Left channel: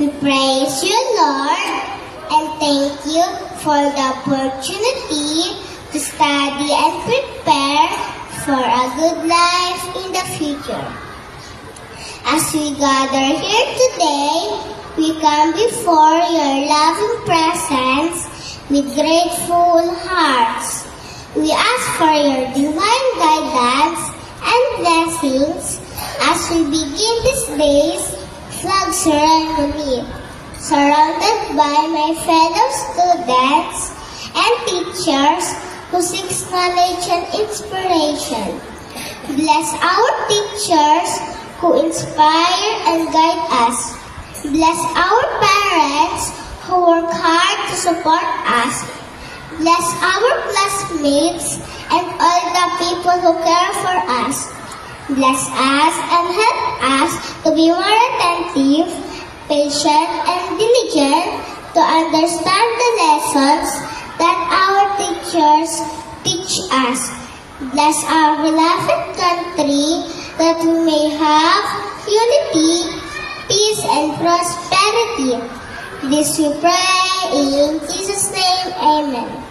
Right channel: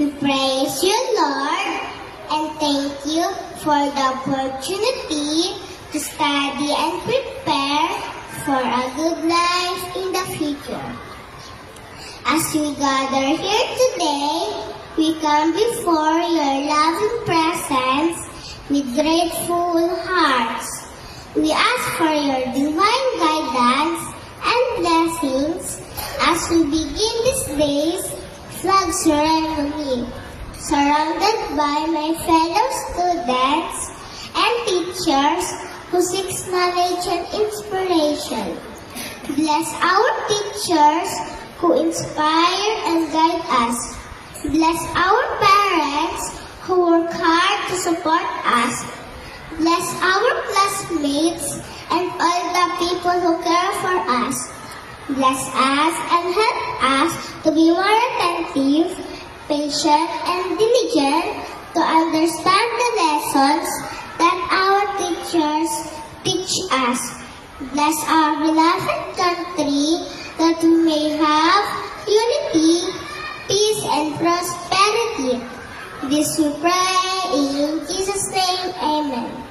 We praise you, Lord, and thank you for the opportunity to study and prepare for a good life in the future. As we gather here today, we come before your loving presence with grateful hearts. We ask for your divine guidance and blessings as we begin this day's flag ceremony, surrounded by my fellow students and teachers who seek knowledge and inspiration. Bless our teachers who inspire and guide us. Bless our parents who work hard to support us. Bless our classmates and all the people who care for us. Bless us and help us to be more attentive, patient, and diligent to understand the lessons that our teachers teach us. Bless our beloved country that we may have unity, peace, and prosperity. This we pray in Jesus' name, amen.